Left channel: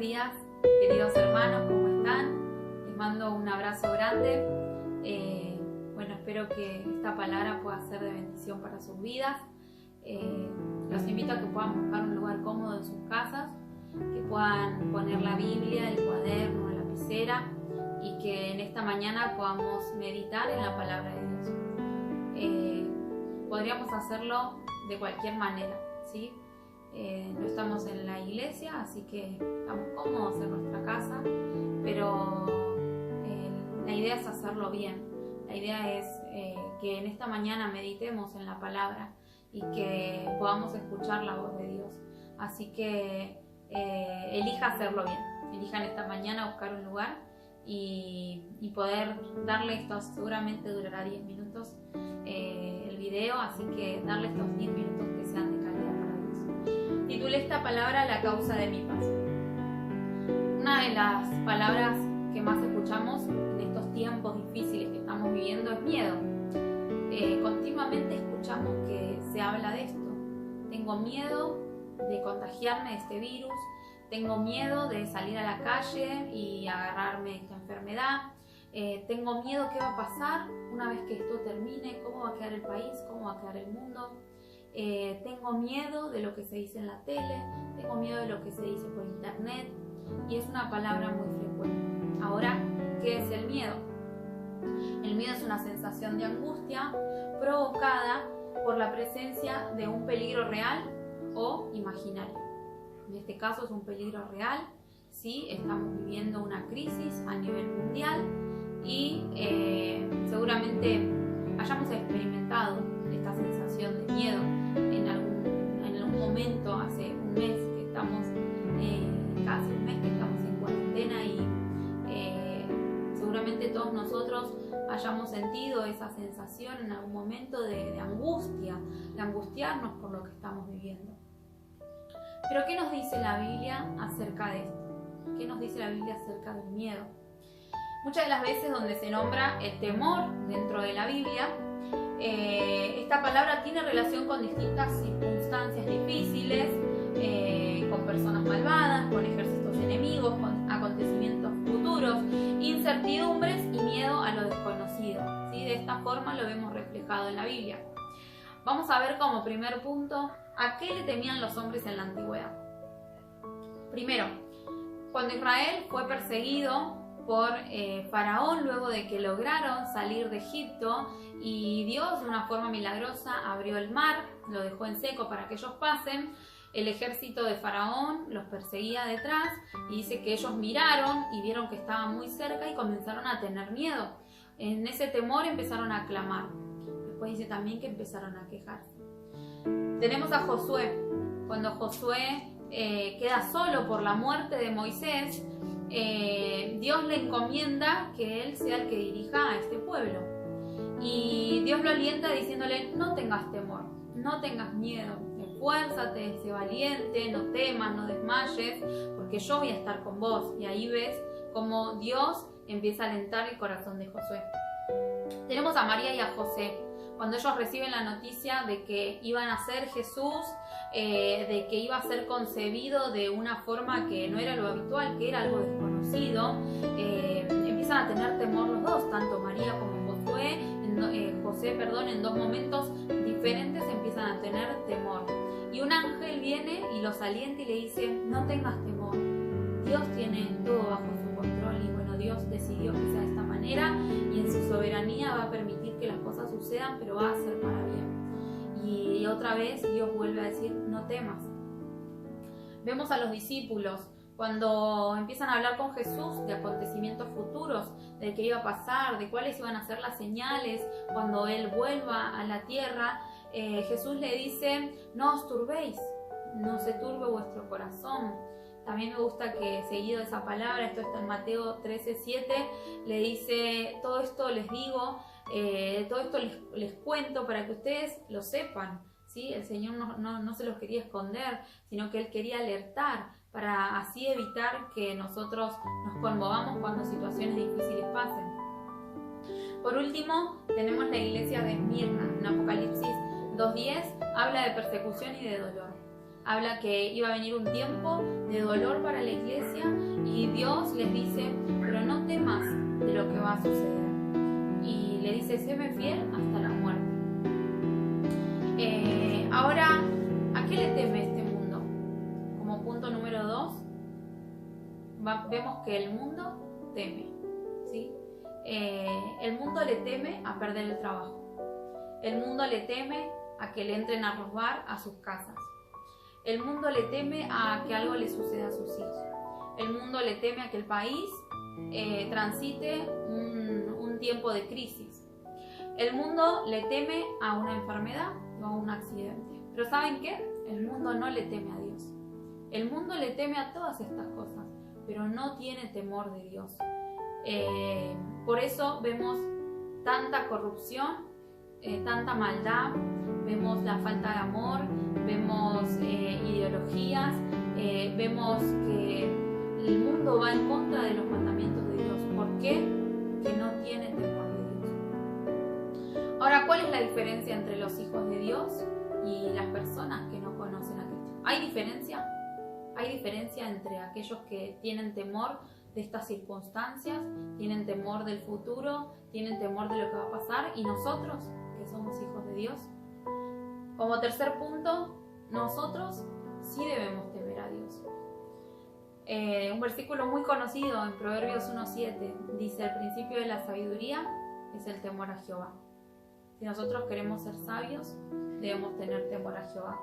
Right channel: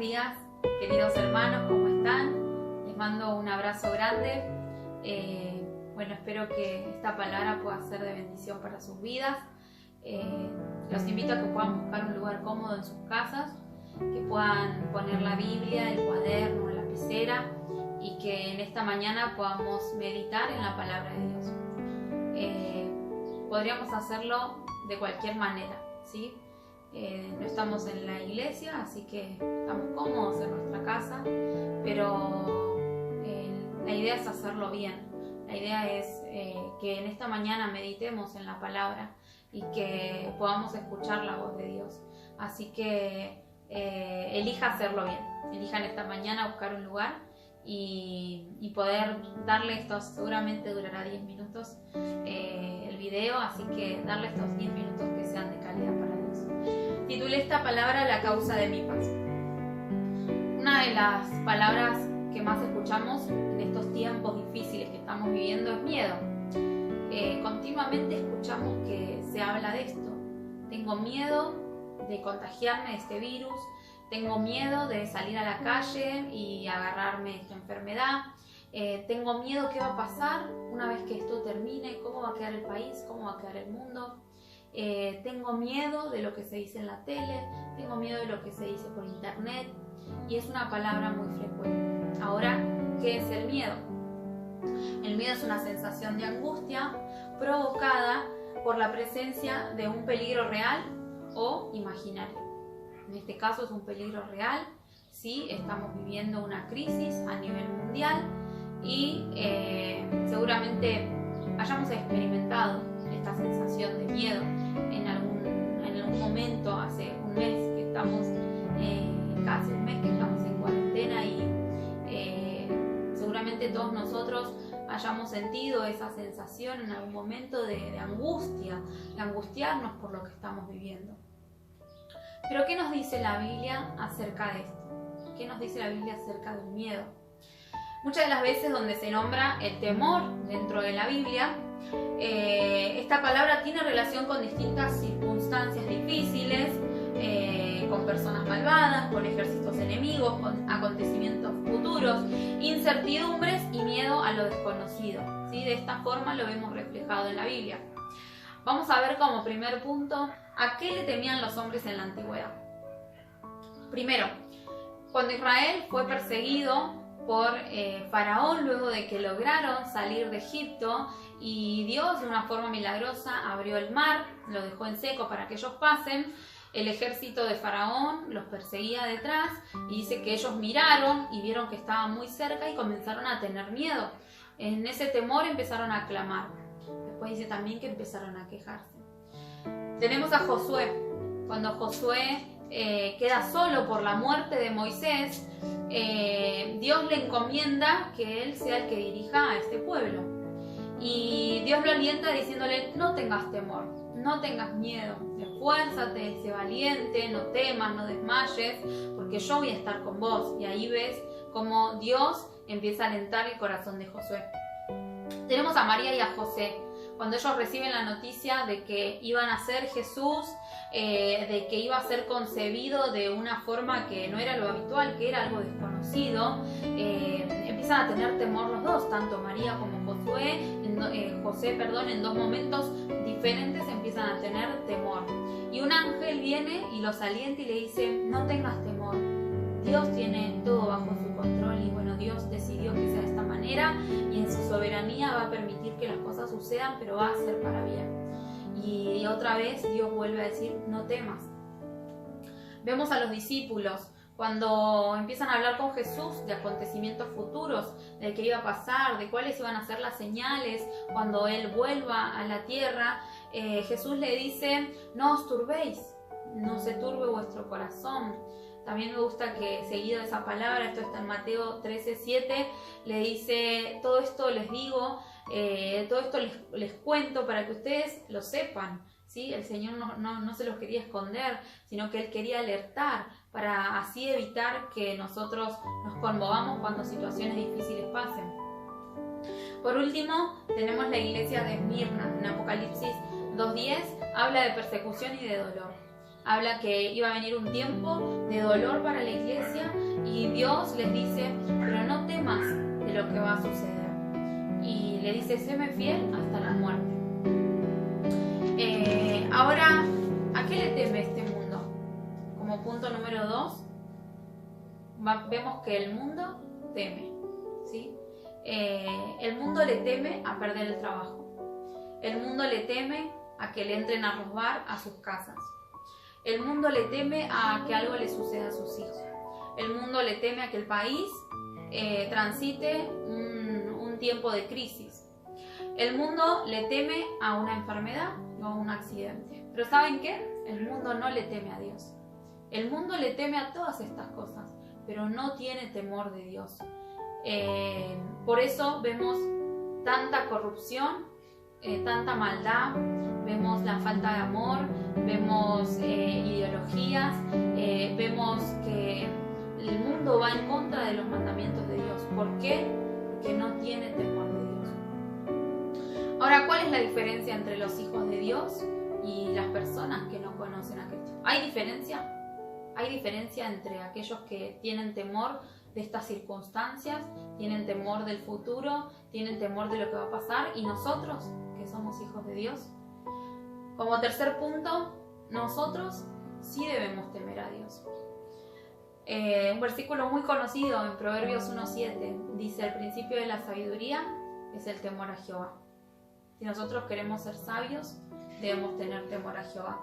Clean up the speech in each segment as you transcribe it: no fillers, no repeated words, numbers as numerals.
días, queridos hermanos, ¿cómo están? Les mando un abrazo grande. Espero que esta palabra pueda ser de bendición para sus vidas. Los invito a que puedan buscar un lugar cómodo en sus casas, que puedan poner la Biblia, el cuaderno, la lapicera y que en esta mañana podamos meditar en la palabra de Dios. Podríamos hacerlo de cualquier manera, ¿sí? No estamos en la iglesia, así que estamos cómodos en nuestra casa, pero la idea es hacerlo bien. La idea es que en esta mañana meditemos en la palabra y que podamos escuchar la voz de Dios. Así que elija hacerlo bien. Elija en esta mañana buscar un lugar y poder darle estos, seguramente durará 10 minutos el video, así que darle estos 10 minutos que sean de calidad para Dios. Titulé esta palabra La causa de mi paz. Una de las palabras que más escuchamos en estos tiempos difíciles que estamos viviendo es miedo. Continuamente escuchamos que se habla de esto. Tengo miedo de contagiarme de este virus, tengo miedo de salir a la calle y agarrarme esta enfermedad, tengo miedo qué va a pasar una vez que esto termine, cómo va a quedar el país, cómo va a quedar el mundo. Tengo miedo de lo que se dice en la tele, tengo miedo de lo que se dice por internet, y es una palabra muy frecuente. Ahora, ¿qué es el miedo? El miedo es una sensación de angustia provocada por la presencia de un peligro real o imaginario. En este caso es un peligro real, sí, estamos viviendo una crisis a nivel mundial y seguramente hayamos experimentado esta sensación de miedo en algún momento, hace un mes que estamos, casi un mes que estamos en cuarentena, y seguramente todos nosotros hayamos sentido esa sensación en algún momento de angustia, de angustiarnos por lo que estamos viviendo. Pero ¿qué nos dice la Biblia acerca de esto? ¿Qué nos dice la Biblia acerca del miedo? Muchas de las veces donde se nombra el temor dentro de la Biblia, esta palabra tiene relación con distintas circunstancias difíciles, con personas malvadas, con ejércitos enemigos, con acontecimientos futuros, incertidumbres y miedo a lo desconocido, ¿sí? De esta forma lo vemos reflejado en la Biblia. Vamos a ver como primer punto a qué le temían los hombres en la antigüedad. Primero, cuando Israel fue perseguido por Faraón luego de que lograron salir de Egipto, y Dios de una forma milagrosa abrió el mar, lo dejó en seco para que ellos pasen. El ejército de Faraón los perseguía detrás y dice que ellos miraron y vieron que estaba muy cerca y comenzaron a tener miedo. En ese temor empezaron a clamar. Después dice también que empezaron a quejarse. Tenemos a Josué. Cuando Josué queda solo por la muerte de Moisés, Dios le encomienda que él sea el que dirija a este pueblo. Y Dios lo alienta diciéndole: no tengas temor, no tengas miedo, esfuérzate, sé valiente, no temas, no desmayes, porque yo voy a estar con vos. Y ahí ves cómo Dios empieza a alentar el corazón de Josué. Tenemos a María y a José. Cuando ellos reciben la noticia de que iban a ser Jesús, de que iba a ser concebido de una forma que no era lo habitual, que era algo desconocido, empiezan a tener temor los dos, tanto María como José, en dos momentos diferentes empiezan a tener temor. Y un ángel viene y los alienta y le dice: no tengas temor, Dios tiene todo bajo su control. Y bueno, Dios decidió que sea de esta manera y en su soberanía va a permitir que las cosas sucedan, pero va a ser para bien. Y otra vez Dios vuelve a decir: no temas. Vemos a los discípulos cuando empiezan a hablar con Jesús de acontecimientos futuros, de qué iba a pasar, de cuáles iban a ser las señales cuando Él vuelva a la tierra. Jesús le dice: no os turbéis, no se turbe vuestro corazón. También me gusta que, seguido de esa palabra, esto está en Mateo 13:7, le dice: todo esto les digo, todo esto les cuento para que ustedes lo sepan, ¿sí? El Señor no se los quería esconder, sino que Él quería alertar para así evitar que nosotros nos conmovamos cuando situaciones difíciles pasen. Por último, tenemos la iglesia de Esmirna. En Apocalipsis 2:10 habla de persecución y de dolor. habla que iba a venir un tiempo de dolor para la iglesia y Dios les dice, pero no temas de lo que va a suceder. Y le dice, séme fiel hasta la muerte. Ahora, ¿a qué le teme este mundo? Como punto número 2, vemos que el mundo teme, ¿sí? El mundo le teme a perder el trabajo. El mundo le teme a que le entren a robar a sus casas. El mundo le teme a que algo le suceda a sus hijos. El mundo le teme a que el país transite un tiempo de crisis. El mundo le teme a una enfermedad o a un accidente. Pero ¿saben qué? El mundo no le teme a Dios. El mundo le teme a todas estas cosas, pero no tiene temor de Dios. Por eso vemos tanta corrupción, tanta maldad, vemos la falta de amor, vemos ideologías, vemos que el mundo va en contra de los mandamientos de Dios. ¿Por qué? Porque no tiene temor de Dios. Ahora, ¿cuál es la diferencia entre los hijos de Dios y las personas que no conocen a Cristo? ¿Hay diferencia? Hay diferencia entre aquellos que tienen temor de estas circunstancias, tienen temor del futuro, tienen temor de lo que va a pasar, y nosotros, que somos hijos de Dios. Como tercer punto, nosotros sí debemos temer a Dios. Un versículo muy conocido en Proverbios 1:7 dice: el principio de la sabiduría es el temor a Jehová. Si nosotros queremos ser sabios, debemos tener temor a Jehová.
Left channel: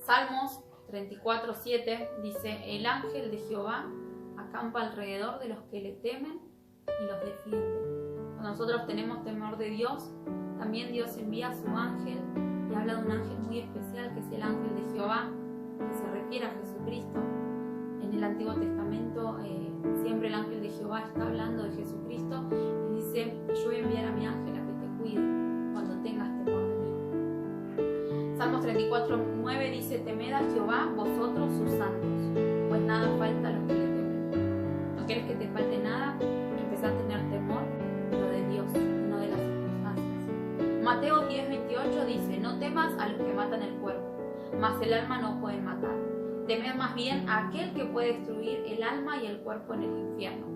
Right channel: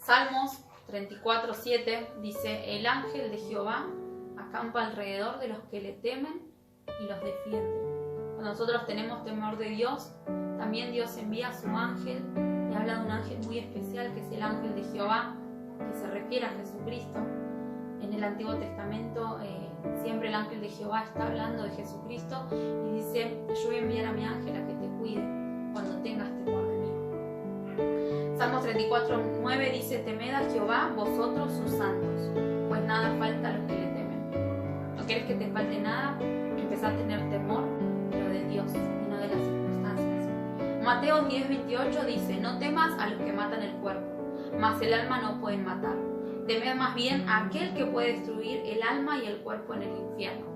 Salmos 34:7 dice: el ángel de Jehová acampa alrededor de los que le temen y los defiende. Cuando nosotros tenemos temor de Dios, también Dios envía a su ángel, y habla de un ángel muy especial que es el ángel de Jehová, que se refiere a Jesucristo. En el Antiguo Testamento siempre el ángel de Jehová está hablando de Jesucristo y dice: yo voy a enviar a mi ángel a que te cuide cuando tengas temor de mí. Salmos 34:9 dice: temed a Jehová vosotros sus santos, pues nada falta a los que le temen. No quieres que te falte nada, empezá a tener temor, pero de Dios y no de las circunstancias. Mateo 10:28 dice: no temas a los que matan el cuerpo, mas el alma no pueden matar. Temed más bien a aquel que puede destruir el alma y el cuerpo en el infierno.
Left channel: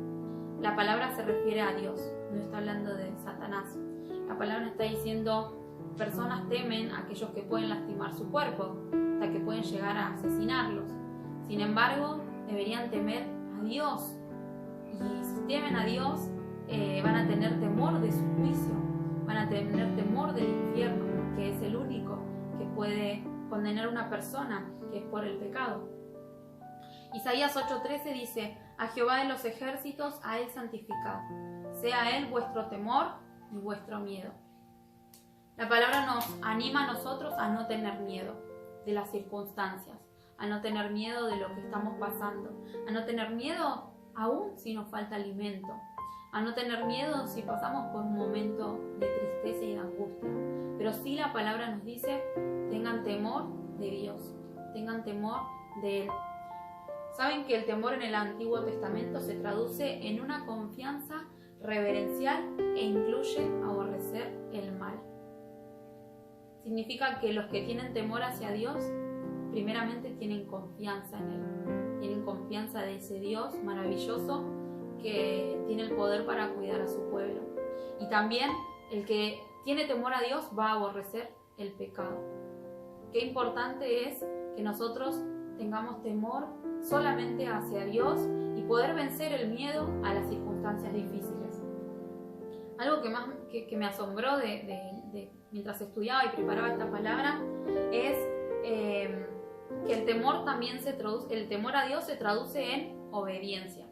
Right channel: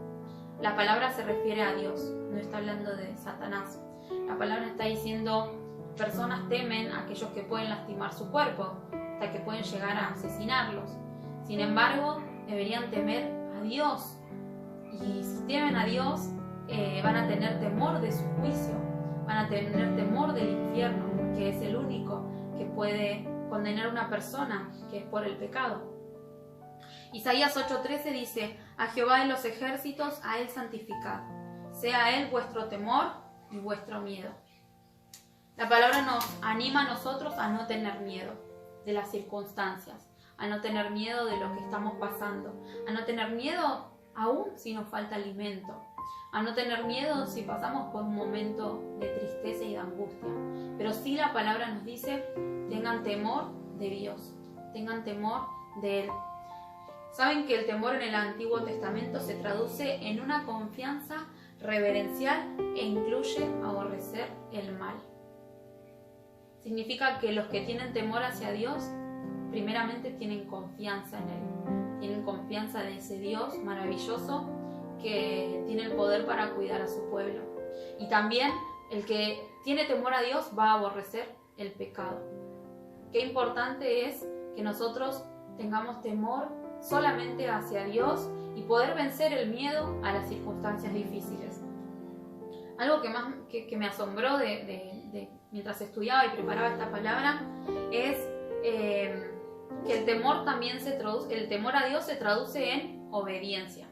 La palabra se refiere a Dios, no está hablando de Satanás. La palabra está diciendo: personas temen a aquellos que pueden lastimar su cuerpo, hasta que pueden llegar a asesinarlos. Sin embargo, deberían temer a Dios. Y si temen a Dios, van a tener temor de su juicio, van a tener temor del infierno, que es el único que puede condenar a una persona, que es por el pecado. Isaías 8:13 dice: a Jehová de los ejércitos, a él santificad, sea él vuestro temor y vuestro miedo. La palabra nos anima a nosotros a no tener miedo de las circunstancias, a no tener miedo de lo que estamos pasando, a no tener miedo aún si nos falta alimento, a no tener miedo si pasamos por un momento de tristeza y de angustia. Pero sí la palabra nos dice: tengan temor de Dios, tengan temor de Él. Saben que el temor en el Antiguo Testamento se traduce en una confianza reverencial e incluye aborrecer el mal. Significa que los que tienen temor hacia Dios, primeramente tienen confianza en Él, tienen confianza de ese Dios maravilloso que tiene el poder para cuidar a su pueblo. Y también el que tiene temor a Dios va a aborrecer el pecado. Qué importante es que nosotros tengamos temor solamente hacia Dios y poder vencer el miedo a las circunstancias difíciles. Algo que me asombró mientras estudiaba y preparaba esta palabra es que el temor a Dios se traduce en obediencia.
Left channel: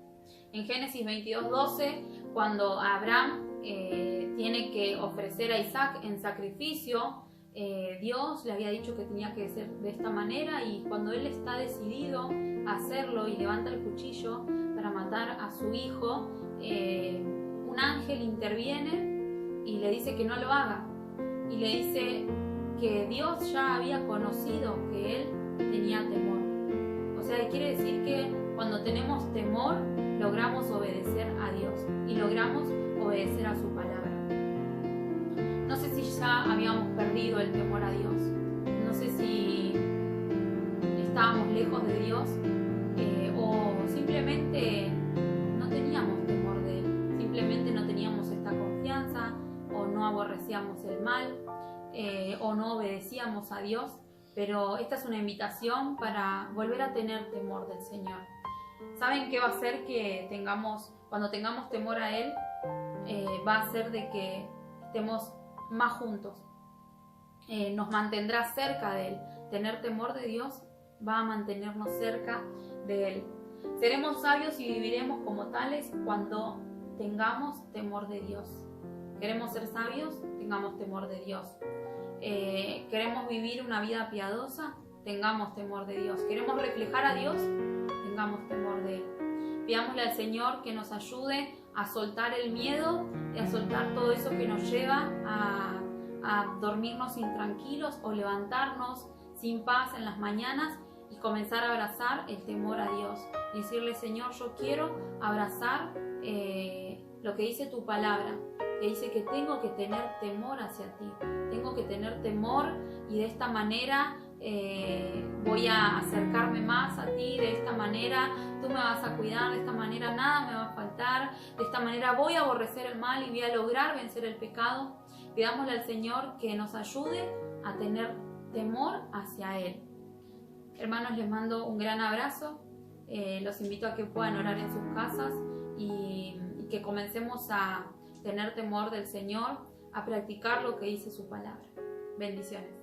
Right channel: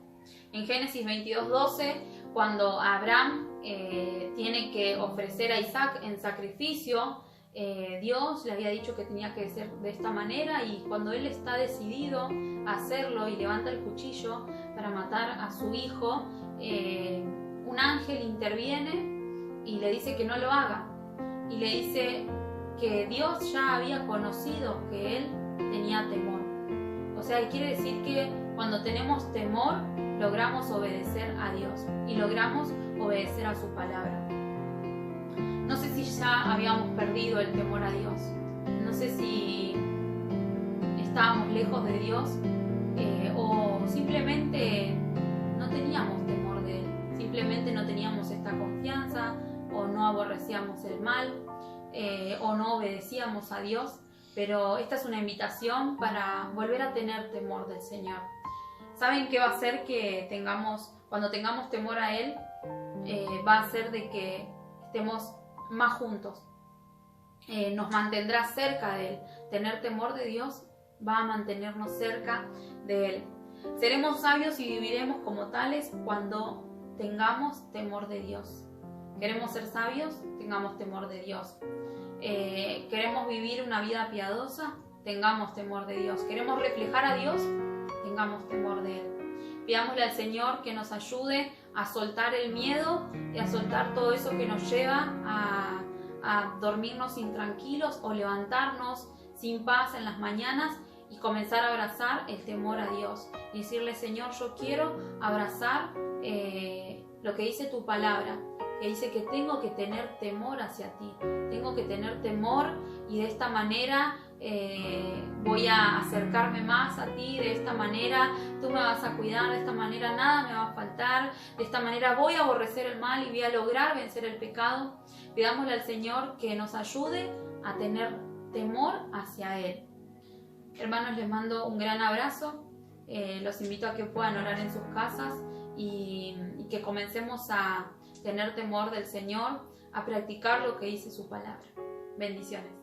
En Génesis 22:12, cuando Abraham tiene que ofrecer a Isaac en sacrificio, Dios le había dicho que tenía que ser de esta manera, y cuando él está decidido a hacerlo y levanta el cuchillo para matar a su hijo, un ángel interviene y le dice que no lo haga, y le dice que Dios ya había conocido que él tenía temor. O sea, quiere decir que cuando tenemos temor logramos obedecer a Dios y logramos obedecer a su palabra. No sé si ya habíamos perdido el temor a Dios. No sé si estábamos lejos de Dios o simplemente no teníamos temor de Él, simplemente no teníamos esta confianza o no aborrecíamos el mal o no obedecíamos a Dios. Pero esta es una invitación para volver a tener temor del Señor. ¿Saben qué va a hacer que cuando tengamos temor a Él? Va a hacer de que estemos más juntos. Nos mantendrá cerca de Él. Tener temor de Dios va a mantenernos cerca de Él. Seremos sabios y viviremos como tales cuando tengamos temor de Dios. ¿Queremos ser sabios? Tengamos temor de Dios. ¿Queremos vivir una vida piadosa? Tengamos temor de Dios. ¿Queremos reflejar a Dios? Tengamos temor de Él. Pidámosle al Señor que nos ayude a soltar el miedo y a soltar todo eso que nos lleva a dormirnos intranquilos o levantarnos sin paz en las mañanas y comenzar a abrazar el temor a Dios. Y decirle, Señor, yo quiero abrazar lo que dice tu palabra, que dice que tengo que tener temor hacia ti, tengo que tener temor y de esta manera voy a acercarme más a ti, de esta manera tú me vas a cuidar, de esta manera nada me va a faltar, de esta manera voy a aborrecer el mal y voy a lograr vencer el pecado. Pidámosle al Señor que nos ayude a tener temor hacia Él. Hermanos, les mando un gran abrazo, los invito a que puedan orar en sus casas y que comencemos a tener temor del Señor, a practicar lo que dice su palabra. Bendiciones.